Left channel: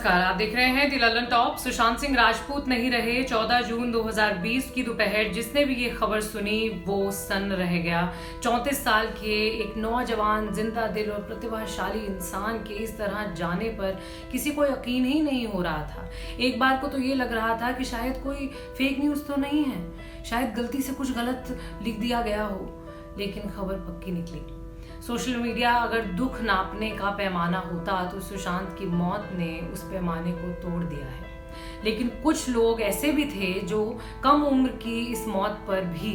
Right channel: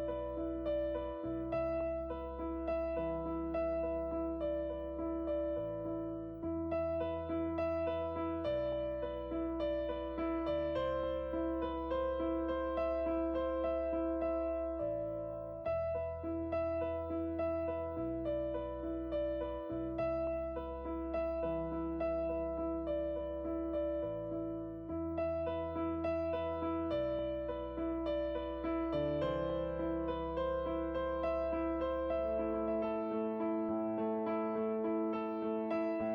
नमस्कार, आप देख रहे हैं दी ललन टॉप। सुशांत सिंह राजपूत नहीं रहे। 14 जून 2020 की दोपहर जिसने भी ये खबर सुनी वो सन्न रह गया। 34 साल के एक नौजवान जिंदा दिल और प्रतिभाशाली इंसान के इस तरह जाने पर किसी को यकीन ही नहीं हो रहा था। एक बार को तो ये लग रहा था कि शायद कोई फेक न्यूज तो नहीं है, शायद गलती से कुछ गलत लिख दिया गया हो, लेकिन खबर पक्की निकली। सोशल मीडिया अगर दुख नापने का पैमाना होता तो सुशांत की मौत ने उस पैमाने को तोड़ दिया है। लेकिन कुछ लोग ऐसे भी थे जो कम उम्र की इस मौत पर भी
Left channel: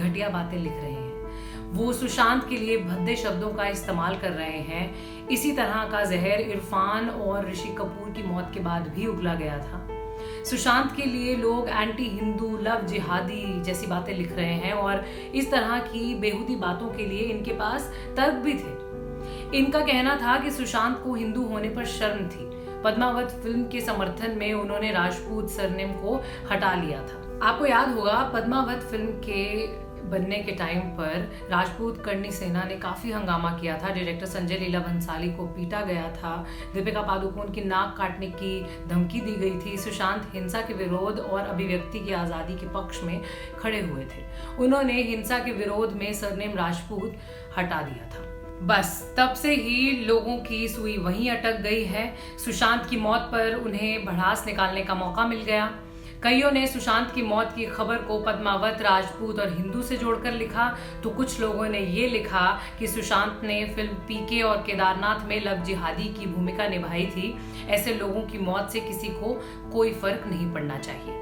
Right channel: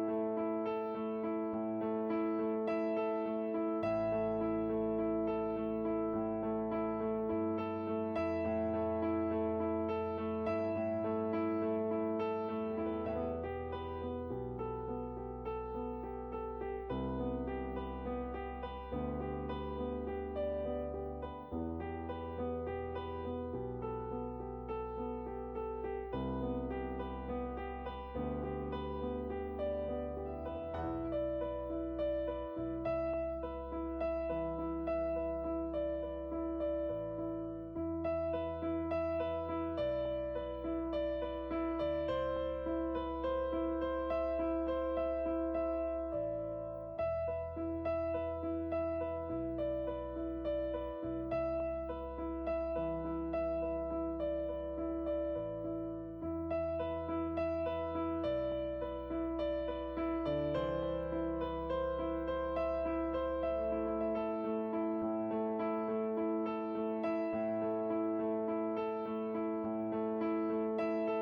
घटिया बातें लिख रहे हैं। वो सुशांत के लिए भद्दे शब्दों का इस्तेमाल कर रहे हैं। इसी तरह का जहर इरफान और ऋषि कपूर की मौत के बाद भी उगला गया था। सुशांत के लिए लोग एंटी हिंदू, लव जिहादी जैसी बातें लिख रहे हैं और इस तरह की बेहुदी बातों के लिए इनके पास तर्क भी थे। इनका कहना था कि सुशांत को हिंदू होने पर शर्म थी। पद्मावत फिल्म के समर्थन में उन्होंने राजपूत सरनेम को हटा लिया था। आपको याद होगा पद्मावत फिल्म के बनने के टाइम पर राजपूत करनी सेना ने काफी हंगामा किया था। डायरेक्टर संजय लीला भंसाली को पीटा गया था। दीपिका पादुकोण की नाक काटने की धमकी दी गई थी। सुशांत हिंसा के विरोध और अभिव्यक्ति की आजादी के पक्ष में खड़े हुए थे। उन्होंने हिंसा के विरोध में सरनेम राजपूत हटा दिया था। बस तब से ही लोगों की सुई वहीं अटक गई है। सुशांत की मौत पर उन्हें भड़ास निकालने का मौका मिल गया। कईयों ने सुशांत की मौत की खबर को पद्मावत, राजपूत और हिंदू से जोड़कर लिखा, तो कुछ लोगों ने ये लिखा कि सुशांत ने फिल्म पीके और केदारनाथ में लव जिहादी की भूमिका निभाई थी। ऐसे लोगों की मौत से किसी को कोई फर्क नहीं पड़ना चाहिए।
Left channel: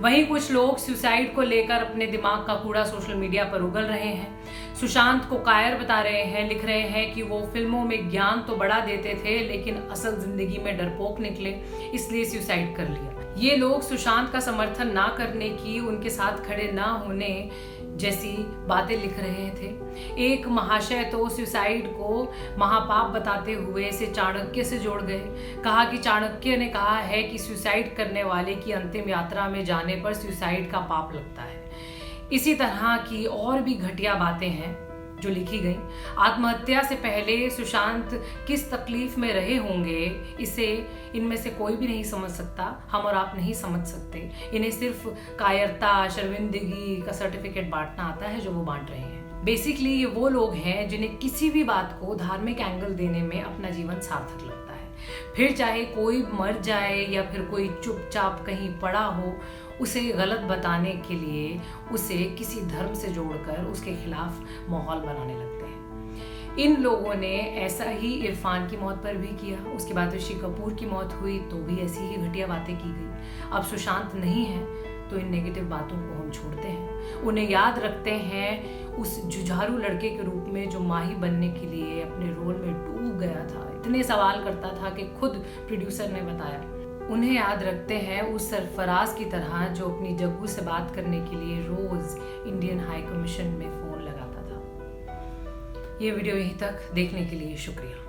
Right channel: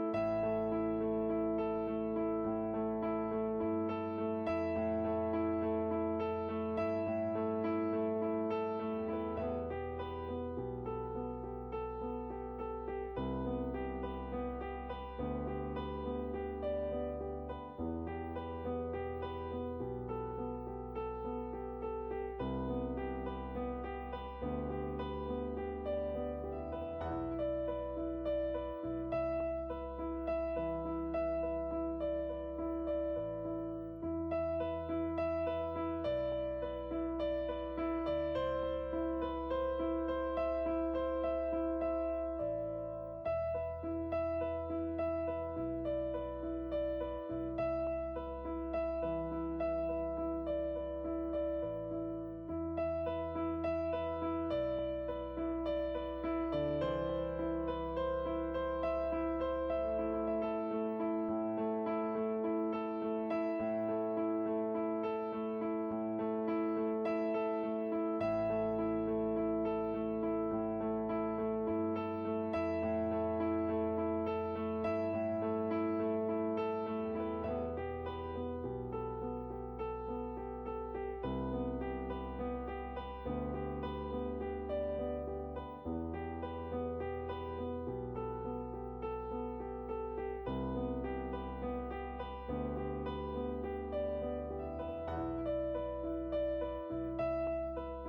वहीं कुछ लोग सुसाइड को लेकर अपने दिमाग का कूड़ा सोशल मीडिया पर उगल रहे हैं। सुशांत को कायर बता रहे हैं, लिख रहे हैं कि वो फिल्मों में ज्ञान तो बड़ा देते थे लेकिन असल जिंदगी में डरपोक निकले, इसलिए सुसाइड कर लिया। ये लोग सुशांत का समर्थन ना करने की, उनके साथ खड़े ना होने जैसी बातें लिख रहे थे। एक महाशय तो सुसाइड को महापाप बताते हुए इसे चाणक्य से जोड़ गए। कहा कि चाणक्य ने कहा है कि सुसाइड करने वाले की अंतिम यात्रा में जाने पर सुसाइड का पाप लगता है। इसी तरह की और भी घटिया बातें हैं जो लिखी गई। आत्महत्या से पहले सुशांत किस तकलीफ में रहे होंगे इसे इनमें से कोई भी नहीं समझ सकता। हम और आप नहीं समझ सकते। इन्हें सिर्फ कायरता, शर्मिंदगी का सर्टिफिकेट बांटना आता है जो वो बांट रहे हैं। बेसिकली ये वो लोग हैं जिन्हें किसी भी बात को धार्मिक एंगल देने में अपना जीवन सार्थक लगता है। फिर चाहे कोई मर जाए या फिर कोई चुपचाप कहीं पड़ा हो, उसे गलत बताने के लिए उसे किसी धर्म से जोड़कर उसके खिलाफ माहौल बनाने लगते हैं। इन लोगों ने ऐसा ही इरफान की मौत पर भी किया। उसके बाद ऋषि कपूर की मौत हुई तो भी ऐसी ही घटिया बातें की गई। अब सुशांत नहीं है तो इन नेगेटिव बातों को हम छोड़ते हैं, उन्हें याद रखते हैं उस जुझारू लड़के के रूप में जो माही बनने के लिए अपने रोल में डूब गया था, इतने सवाल करता था कि खुद प्रोड्यूसर ने बताया। उन्हें याद रखते हैं उस सरफराज की तरह जो अपनी जग्गू से बात करने के लिए रोज इंडियन हाई कमीशन में फोन लगाता था। ये वीडियो यहीं तक देखने के लिए शुक्रिया।